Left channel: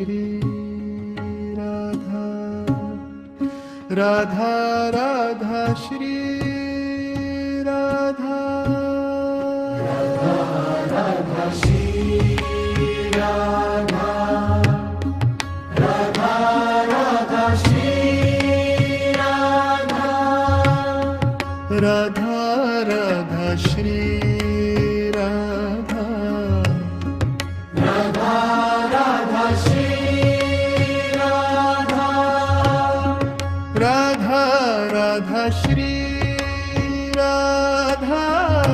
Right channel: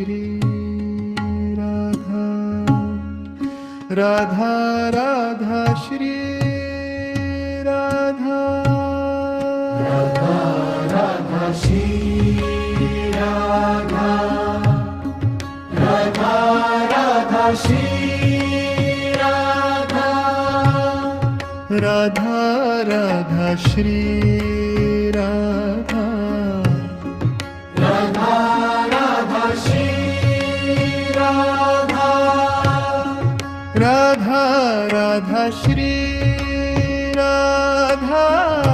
Shri Radha Radha Radha Shri Radha Radha Radha Shri Radha Radha Radha Shri Radha Radha Radha Shri Radha Radha Radha Shri Radha Radha Radha Shri Radha